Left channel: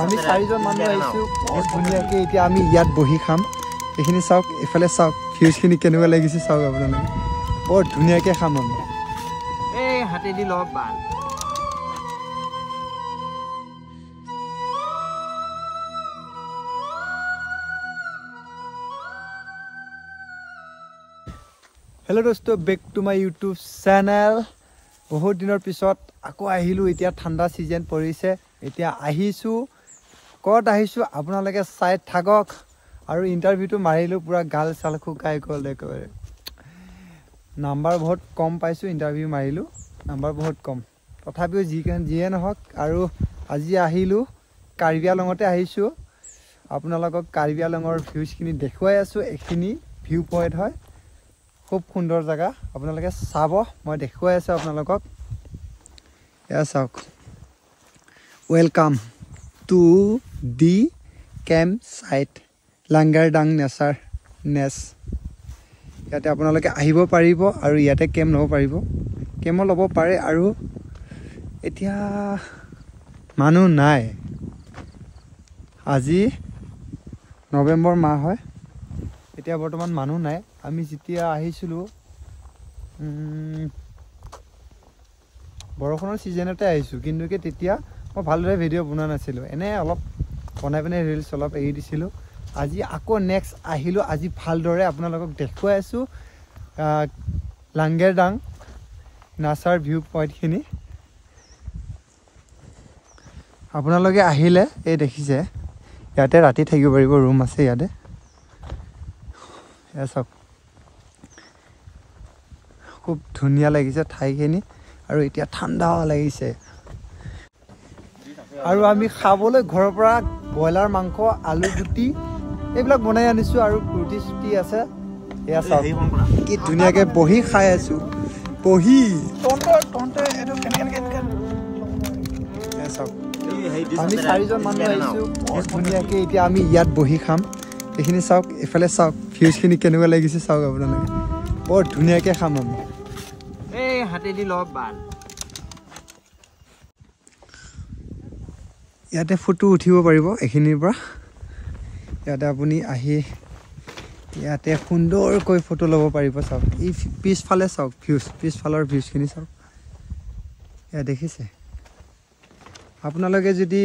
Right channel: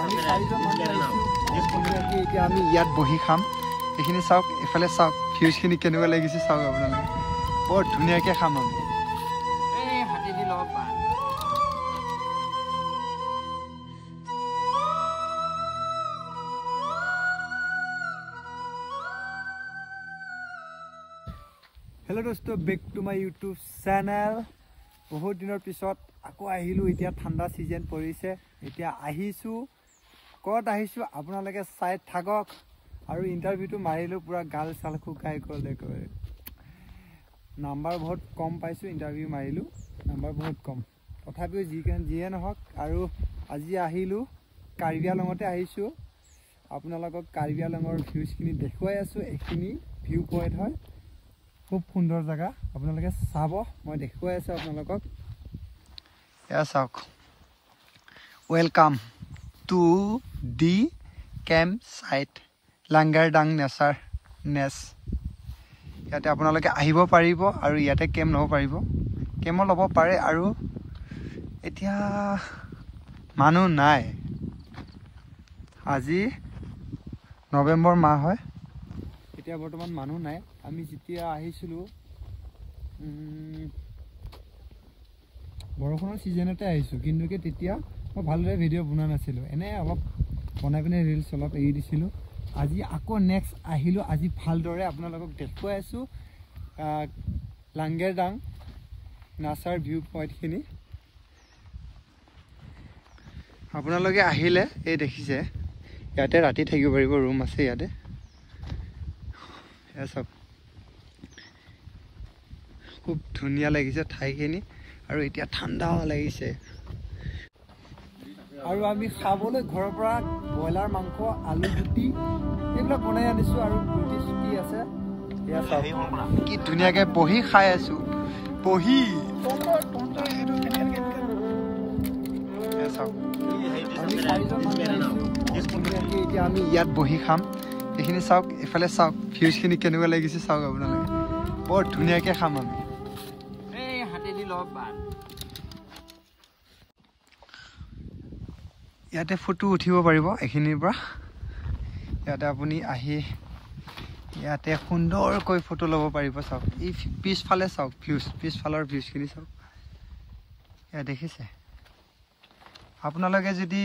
আমি চাৰিজন মানুহ আহিছোঁ ধুনীয়াকৈ এতিয়া আমি ইয়াত বহি খাম এইখিনি চাওক এইফালে চাওক ভিউজখিনি কেনেকুৱা লাগিছে চাওক আপোনালোকে বৰ ধুনীয়াকৈ খাম আমি হাতেদি লগ পান हेलो दोस्तों back to my YouTube channel बहुत दिनर पिছত আকৌ আহিলো এতিয়া ঠান্ডা সিজন পৰিছে এতিয়া আহিছো কত আহিছো আপোনালোকে চাই থাকক আৰু ইন্টাৰভিউটো মাৰিলো পুৰা গাল চাল খুকাই গল একেবাৰে নাম্বাৰ বহুত কম পাইছো ইন্টাৰভিউ মাৰিলো নাম্বাৰ বহুত কম তথাপিও জিয়ে নহক আৰু আজি আহিলো কাৰ্বি আংলঙতে আহিছো আপোনালোকক কাৰ্বি আংলঙৰ ভিউজখিনি দেখুৱাই আছো এখিনি ভিউ পইণ্ট হয় খুব সুন্দৰ জায়গা আপোনালোকে চাব মই দেখুৱাই আছো আপোনালোকক ইয়া চাওক welcome to the camp site Langardang Nature Nest ইয়াতে আপোনালোকে আহিব পাৰিব আৰু ইয়াতে কেম্প ল'ব পাৰিব কেম্প ল'ব পাৰে আৰু এতিয়া মানুহ নাই আজি নৱেম্বৰ মাহ হয় এতিয়া বৰ্তমান মানুহ নাই আমি যেতিয়া আহিছিলো বৰষুণৰ সিজনতে আহিছো কিন্তু তেতিয়া মই ভালদৰে ভিডিও বনোৱা নাছিলো এনে অলপ বনাই পিনে ৰিলছ অলপ এৰি দিছিলো আজি আকৌ নেক্সট আহিলো আজি ভালদৰে আপোনালোকক দেখুৱাই আছো লাংগাৰডাং নেচাৰ ভিউ পইণ্টখিনি আপোনালোকে আহিলে এই দেখিছে ইয়াতে ৰাতি থাকিব পাৰিব ৰুম আছে ইয়াতে এসব খুব ধুনীয়া লাগিছে ঠাইখিনি আৰু এতিয়া ঠাণ্ডাও লাগিছে আৰু আমি খাবলৈ ঘৰৰ পৰা ব্ৰইলাৰ মাংস আলু গুটি এইবিলাক বনাই আনিছো আৰু ৰুটি চুটি আছে এয়া চাওক কি ধুনীয়াকৈ বহি খাই আছো বহি আমি চাৰিজন মানুহ আহিছো ধুনীয়াকৈ এতিয়া আমি ইয়াত বহি খাম এইখিনি চাওক এইফালে চাওক ভিউজখিনি কেনেকুৱা লাগিছে চাওক আপোনালোকে বৰ ধুনীয়াকৈ খাম আমি হাতেদি লগ পান ইয়াতে ফটো উঠিব পাৰিব এইখিনিৰ পৰা ইয়াতে আপুনি আহি ইয়াতে সুন্দৰকৈ ফটো ল'ব পাৰিব চাওক এই পিছফালে চাওক পিছফালৰ ভিউজখিনি চাওক ইয়াত দেখিছে আপোনালোকে যদি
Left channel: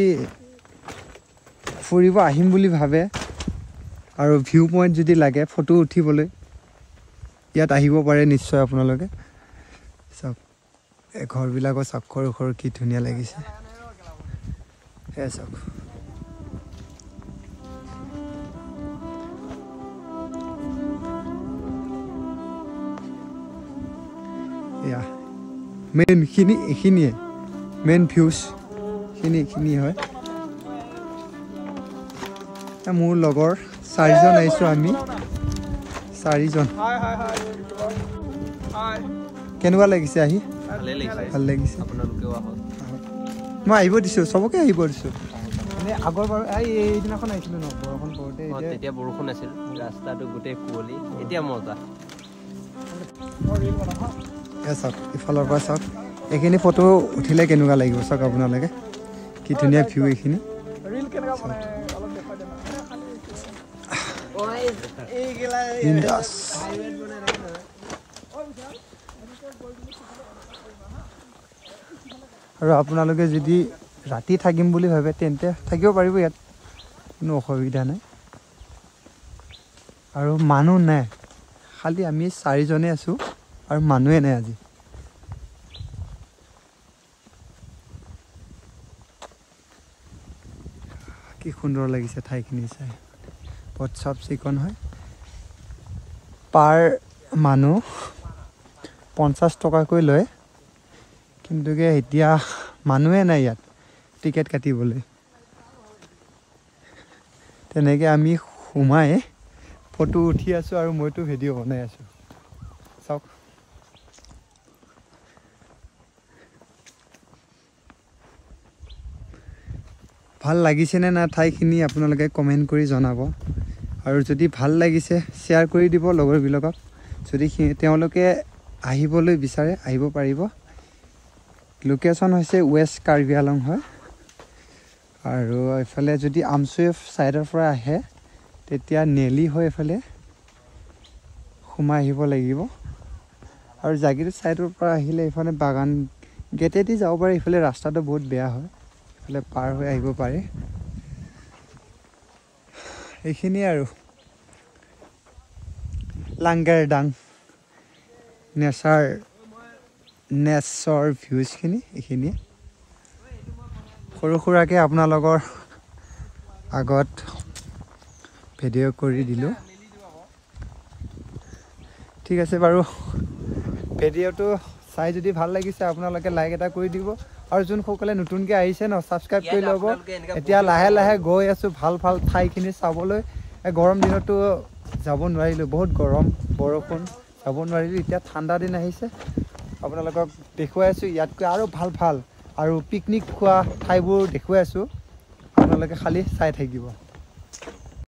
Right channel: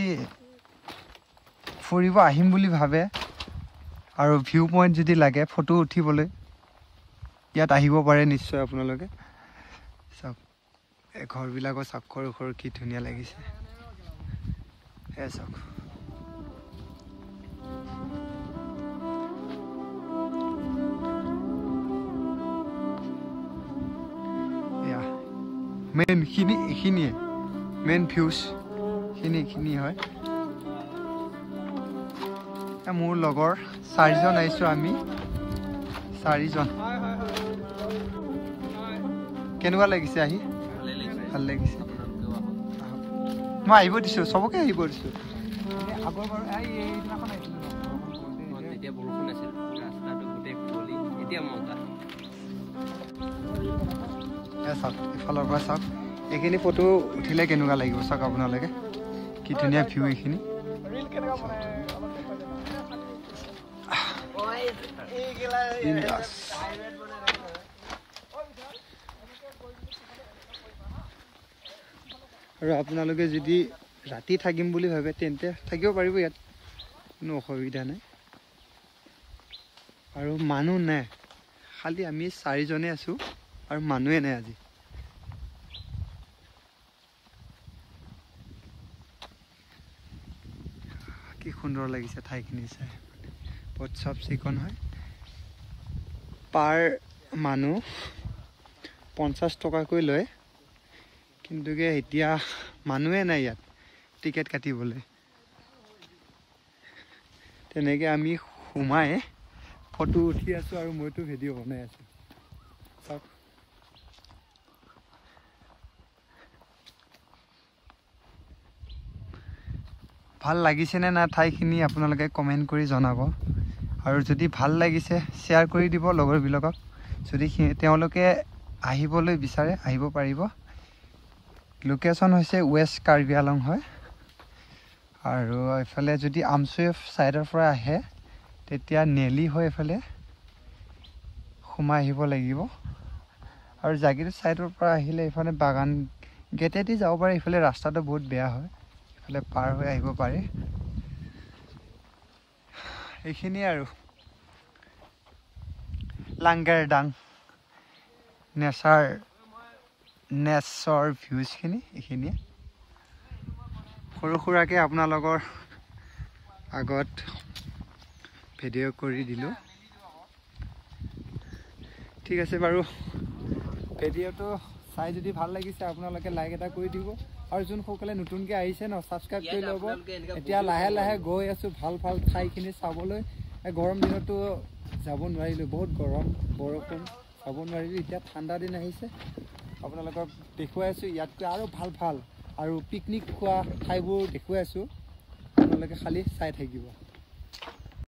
ফুৰিব আহিম বুলি ভাবে আৰু ভিউ পইণ্ট যদি লাগে ফটো উঠিবলৈ ইয়াত আহিব পাৰে নিশ্চয় আপোনালোকে চাওক এই ঘৰবিলাকৰ চাওক সৰু সৰু কি ধুনীয়া লাগিছে সেয়া চাওক এয়া মেইনখিনি এইখিনিয়ে মেইন ভিউজ খিনি হয় মোৰ লগৰ চাৰিজন আহিছো আমি চাৰিজন কেনেকুৱা লাগিছে আহি ভাল লাগিছে মই আহিব দিছো চবকে আহিব দিছো আগৰবাৰ এইদিনাখন আহিছিলো ন বৰষুণ পৰোঁতে তেতিয়া বৰষুণ আছিল ৰাস্তাটো গোটেই কুঁৱলী এতিয়া মজা চাওক ইফালৰ পৰা চাওক এইখিনি ফটো উঠিলে কেনেকুৱা লাগিব চাওক আপোনালোকে কি ধুনীয়া ভিউ এইখিনি বিন্দাস আৰু আপোনালোকে যদি ৰাতি থাকিম বুলি ভাবে তেন্তে থাকিব পাৰিব ইয়াত কোনো অসুবিধা নাই আৰু মানুহ নাই খালি আমি চাৰিজনে আছো আৰু মানুহে নাই আজি কি সুন্দৰ লাগিছে ঠাইখিনি চাই বহুত চাফ চিকুণ হয় পাৰ মানুহ 50 টকাকৈ লয় কিন্তু এতিয়া মানুহে নাই ইয়াত টিকেট কাটিবলৈ তেনেকৈ আমি সোমাই ফটো উঠি আছো আৰু মইতো ভিডিঅ' বনাই আছো চাওক ভাল লাগিছেনে না ঠাইখিনি আপোনালোকে কমেণ্ট কৰি জনাব আৰু যদি ভাল লাগিছে শ্বেয়াৰ কৰি দিব লগৰবিলাকক যদি তেওঁলোকে আহিবলৈ বিচাৰে আহিব পাৰিব লোকেশ্যন হৈছে ৱেষ্ট কাৰ্বি আলং হয় আৰু এইফালে যদি আমচুই সাইডৰ পৰা আহে তেতিয়া নেলি হৈ এইফালে সোমাই আহিব লাগিব আৰু জাগিৰ সাইডৰ পৰা আহিলে এইফালে বাগান গেটেদি যাব পাৰে ইফালে ৰাস্তাটো বহুত বেয়া হয় ইফালে পাৰ হৈ আহিব পাৰে এইখিনি আৰু লাংগাৰডাং নেচাৰ ভিউজ খিনি এইখিনি সৰু সুৰাকে আপোনালোকৰ আগত ভিডিঅ' কৰি দিলো ঠিক আছে বাৰু ভিডিঅ'টো চাই যদি ভাল লাগিছে আপোনালোকে লাইক এটা কৰি দিব আৰু যোন সকলে নতুনকৈ আহিছে ন সাবস্ক্ৰাইব কৰি ল'ব এতিয়া লাহে লাহে গৈ আছো ভাল ভাল ঠাইখিনি চাবলৈ গৰম দিনতো যাব নোৱাৰিলো বহুত গৰম বৰষুণ যাব নোৱাৰিলো এতিয়া ঠাণ্ডা দিন আহিছে আপোনালোকক দেখুৱাই আছো ইয়াতকৈ আৰু ভাল ভাল আৰু পিকনিক খোৱা ঠাইবোৰ দেখুৱাই আছো আপোনালোকে খালি চাই থাকিব